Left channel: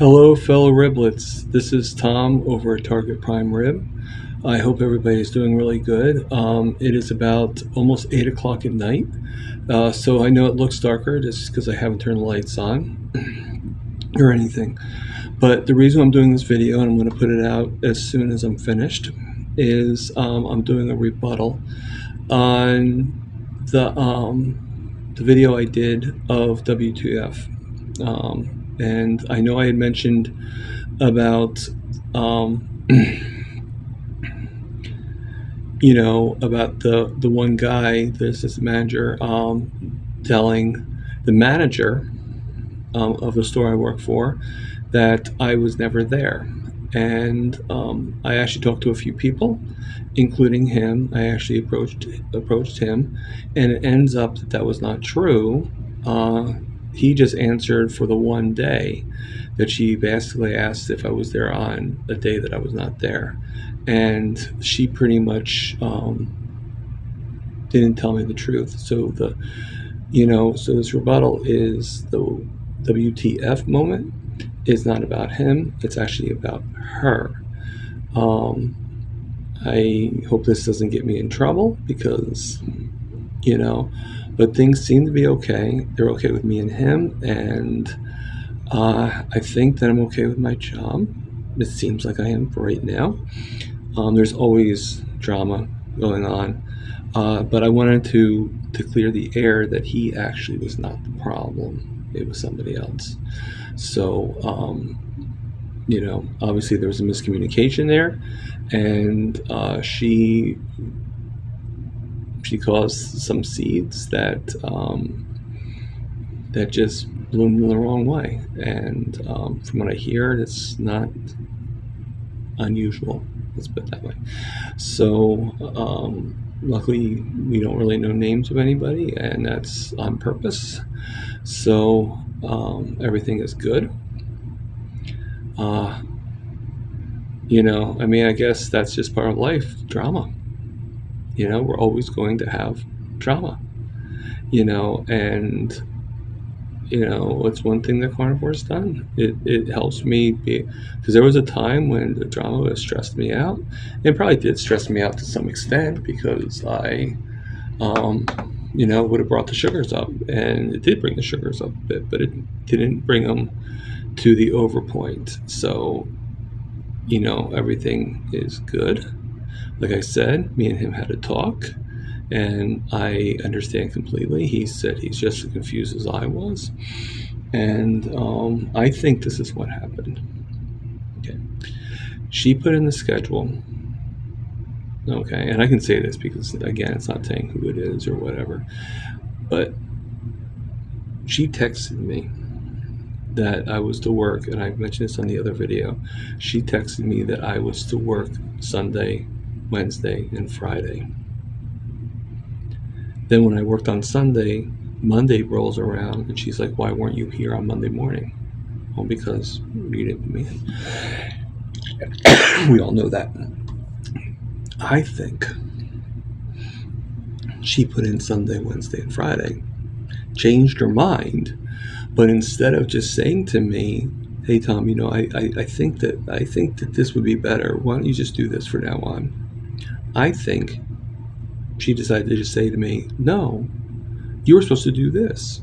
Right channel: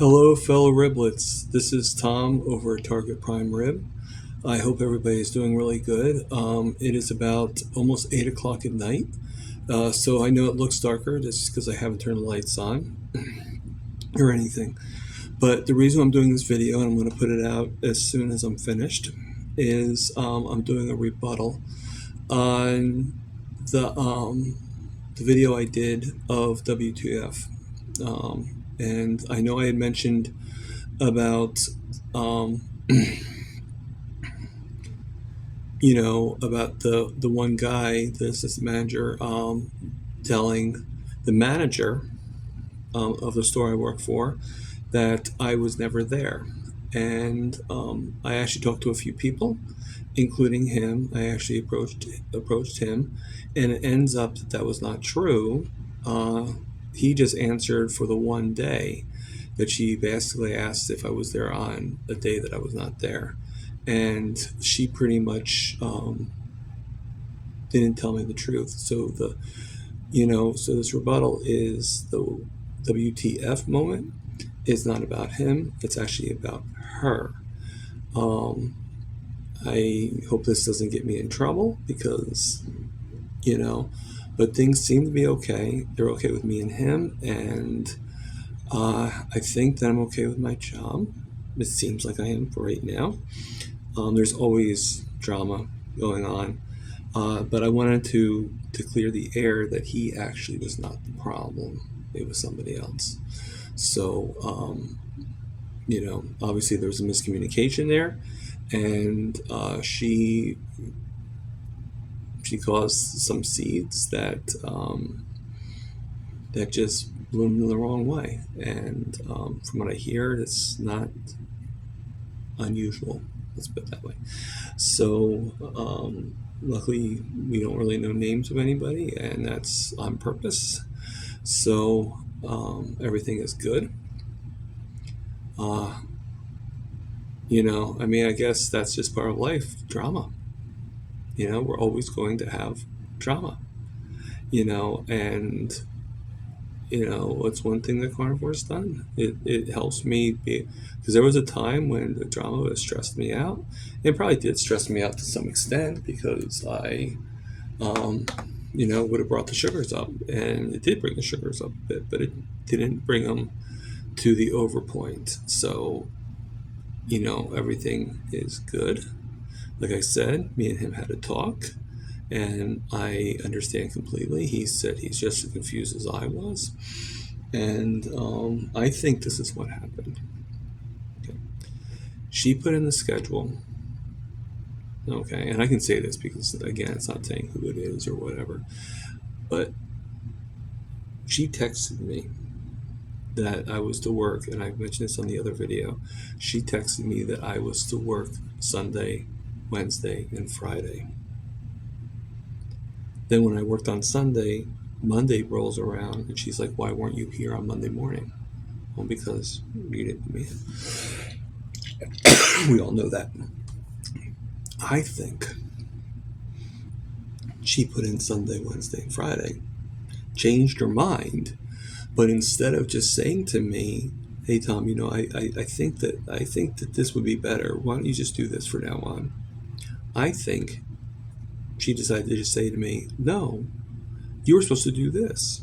Hello, fellow riblets. This is Tom over at Target Prime Rib. I hope everybody is doing really good. It is about almost 8 o'clock at night, so I know it looks darker just because I haven't turned the lights on or anything. But the reason I'm doing this video, and I'm going to put it out as soon as I'm finished, is I'm doing a rebuttal on the video I did of WTF. And I know I had mentioned about about the one guy, the assistant manager, telling the manager of the store I work for that I was never there. And I actually talked to a few people, including him. I actually approached him, and it ends up that that was not true. He just answered for the one day that she basically asked if I was there on a day that I was not there. And she pretty much didn't tell me the truth. So so this rebuttal is the WTF moment. It's not about him. It's actually about her. I hope this doesn't get me in trouble because, but things seem to be okay. They're okay with me and him, and I think that I'm okay with my job. It seems like I am for right now. There's always drama going on, but I wanted to clear the air that he actually was not the problem. It was somebody else. So, obviously there was a miscommunication there, and she caused some seeds that that just bloomed in the wrong way. And from what I hear, it's not unusual. Let's put it that way. So luckily, we don't really know names of anybody, and that's on purpose. So everything is good. I guess that's just part of life, drama. We're always going to have drama. And it's one thing that carnivore's done. It helps me because there was a time when the drama would have stressed me out. It probably did stress me out to some extent because I would have brought the sugars up, and it did bring the sugars up a bit, but it didn't bring them to the over point. So everything is good. Like I said, me and him had a talk, and I understand completely. He said he's just as confused as I was, and I think this is what happened. Okay, she put in the schedule. Okay, and I can say this because, again, it's not saying who it is or whatever, but she texted me that I was to work, and I mentioned this on the other video. She texted me that I was to work Sunday, Wednesday, and Friday. Then when I worked on Sunday, Monday rolls around, and she's like, "Why weren't you here on Monday morning?" Well, because you didn't put me in. We all know that. I think she put in Sunday, Wednesday, and Friday, changed her mind, but instead of just saying to me, "Hey Tom, I think that this would be better. Why don't you just do this for now on?" I think she decided to just say to me, "No, you were supposed to do this,"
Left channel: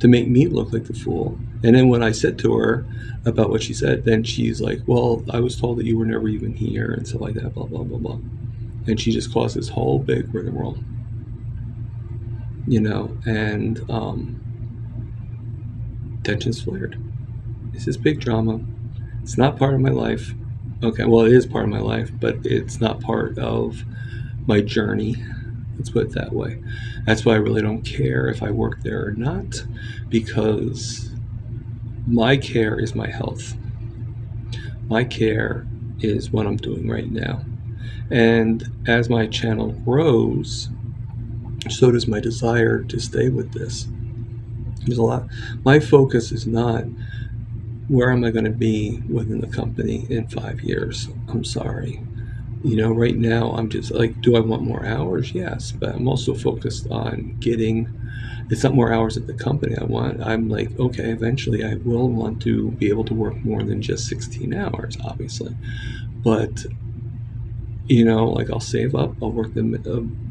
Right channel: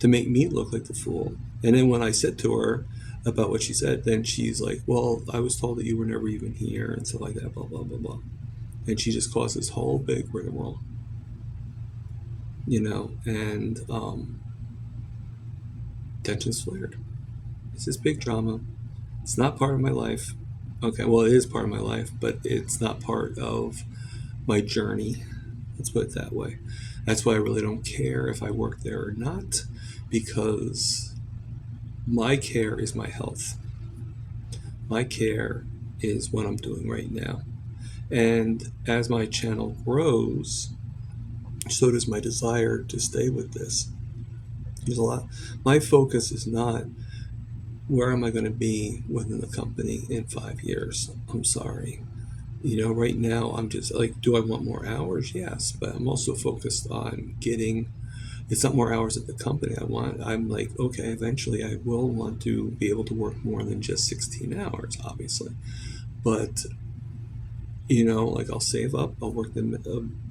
to make me look like the fool. And then when I said to her about what she said, then she's like, "Well, I was told that you were never even here," and stuff like that, blah, blah, blah, blah. And she just caused this whole big rigmarole, and tensions flared. This is big drama. It's not part of my life. Okay, well, it is part of my life, but it's not part of my journey. Let's put it that way. That's why I really don't care if I work there or not, because my care is my health. My care is what I'm doing right now. And as my channel grows, so does my desire to stay with this. There's a lot. My focus is not where am I going to be within the company in 5 years. I'm sorry. Right now I'm just like, do I want more hours? Yes, but I'm also focused on getting It's not more hours at the company I want. I'm like, okay, eventually I will want to be able to work more than just 16 hours, obviously. But, like I'll save up, I'll work the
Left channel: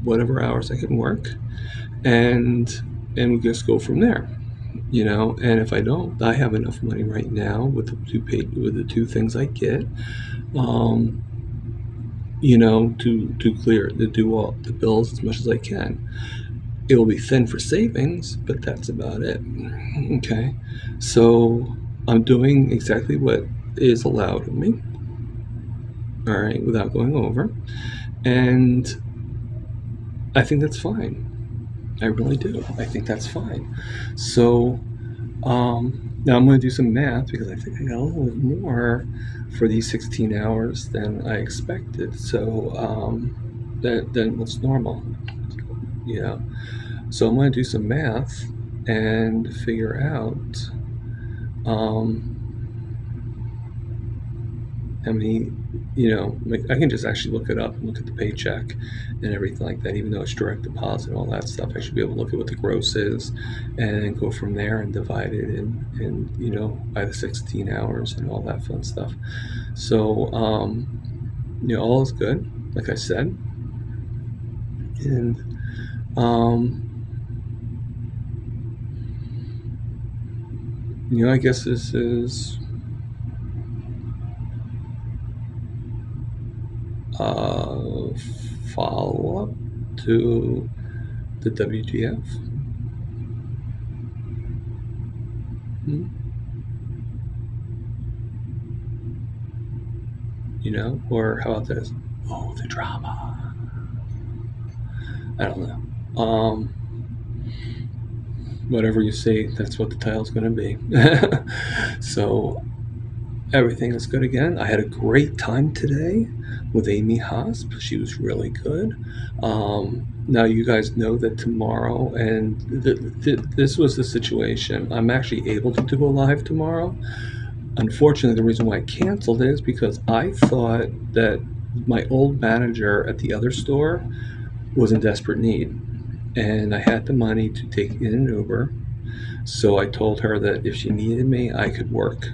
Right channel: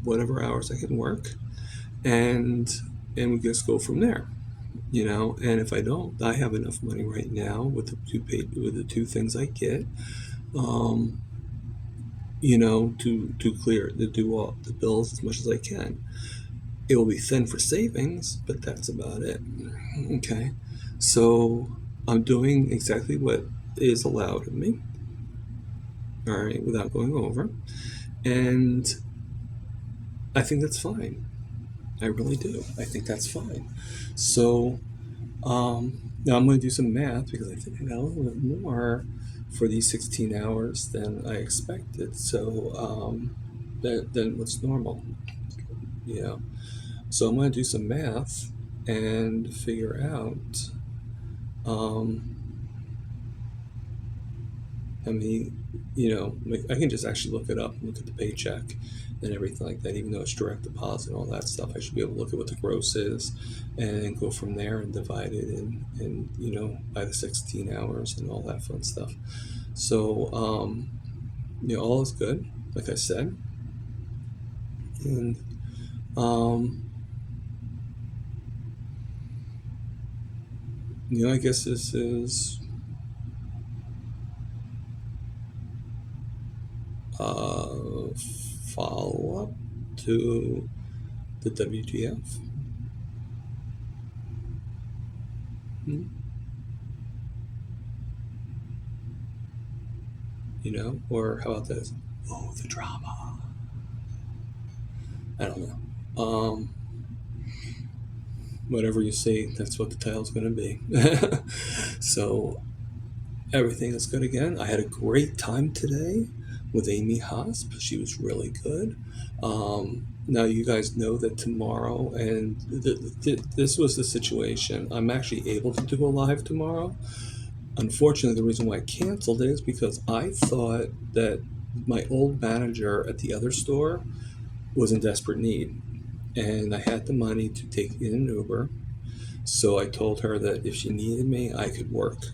whatever hours I can work, and we just go from there. And if I don't, I have enough money right now with the two things I get, um, to clear to do all the bills as much as I can. It will be thin for savings, but that's about it. Okay, so I'm doing exactly what is allowed of me. All right, without going over, and I think that's fine. I really do. I think that's fine. So now I'm going to do some math because I think I got a little bit more for these 16 hours than I expected. So than what's normal, you know. So I'm going to do some math and figure out um, how many. Like I can just actually look it up and look at the paycheck and everything like that. Even though it's direct deposit and all that stuff, I should be able to look at what the gross is and then go from there and divide it in by the 16 hours and all that fun stuff. So all is good, like I said, and I guess this is a follow-up to the WTF. Or how about this? Oh, the drama. I don't know. Whatever you say, that's what the title's going to be. So everything is good again. I had a great time today with Amy Hosp. She was really good. Now you guys know that tomorrow, and this was the situation. I'm actually able to do a live tomorrow. Unfortunately, the reason why I canceled it is because I thought that my old manager at the other store was in desperate need, and I had the money to take in an Uber. So I told her that if she needed me, I could work.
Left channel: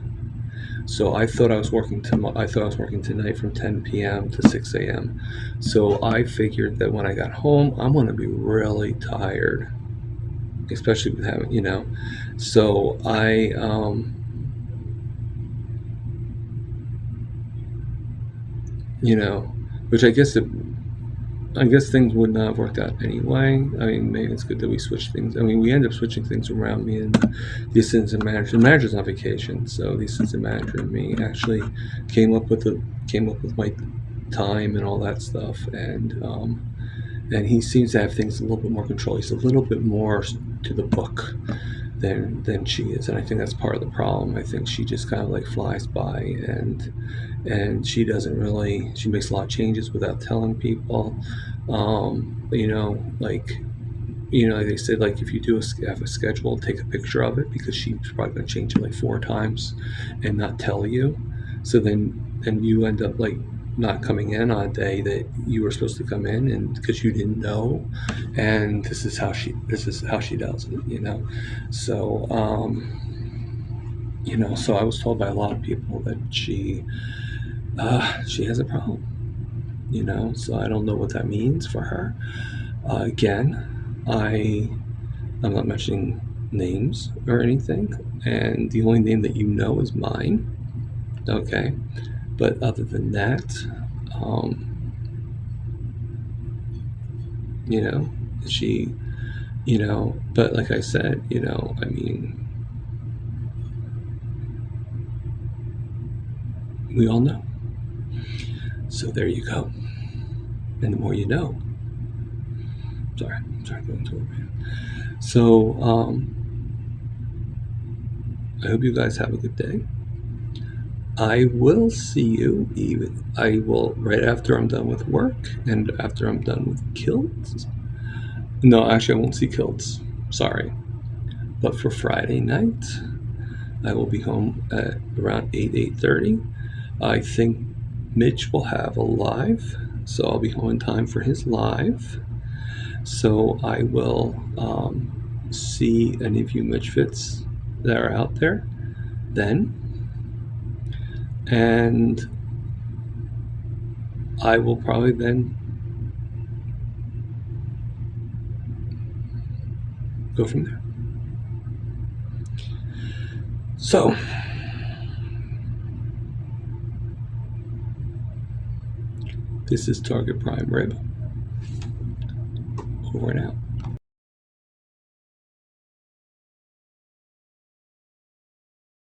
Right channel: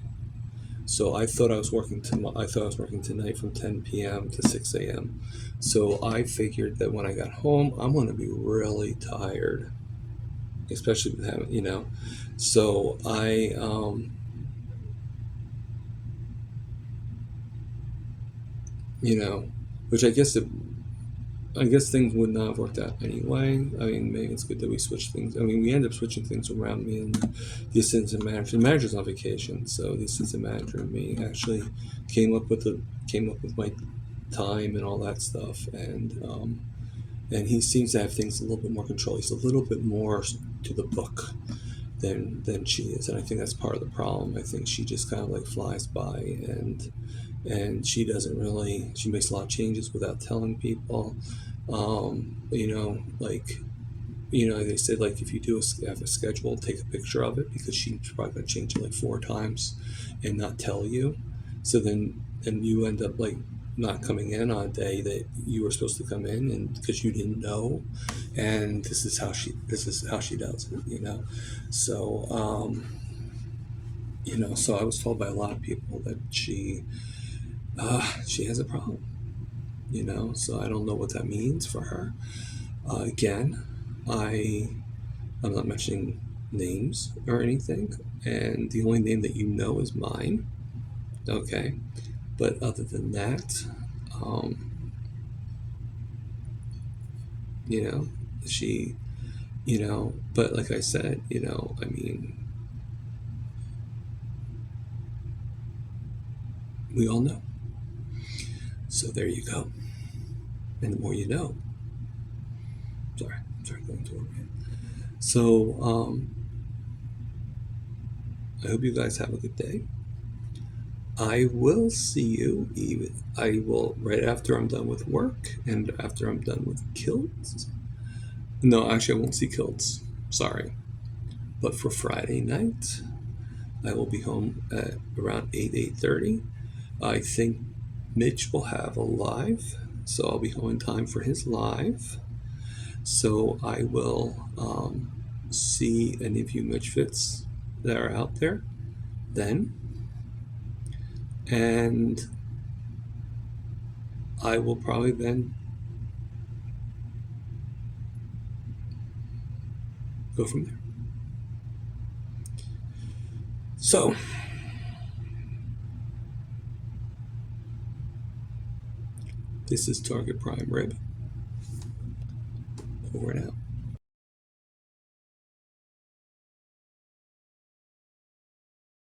So I thought I was working tonight from 10 p.m. to 6 a.m. So I figured that when I got home, I'm going to be really tired, especially with having. So I which I guess things would not have worked out anyway. I mean, maybe it's good that we switched things. I mean, we ended up switching things around. Me and the assistant manager. The manager's on vacation, so the assistant manager and me actually came up with my time and all that stuff. And he seems to have things a little bit more control. He's a little bit more to the book than she is, and I think that's part of the problem. I think she just kind of like flies by, and she doesn't really. She makes a lot of changes without telling people. Like they said, like if you have a schedule, take a picture of it because she's probably going to change it like 4 times and not tell you. So then you end up like not coming in on a day that you were supposed to come in, and because you didn't know. And this is how she does it. So so I was told by a lot of people that she has a problem. So I don't know what that means for her. Again, I'm not mentioning names or anything, and the only name that is mine. Okay, but other than that, she, but like I said, I mean, we all know. So there you go. And the more you know. Sorry, going to work, man. So, I hope you guys have a good day. I will see you right after I'm done with work and after I'm done with kilts. No, actually I won't see kilts. Sorry. But for Friday night, I will be home at around 8:30. I think Mitch will have a live, so I'll be home in time for his live. So I will see any of you Mitchfits that are out there then. And I will probably then go from there. So, this is Target Prime Rib. Over and out.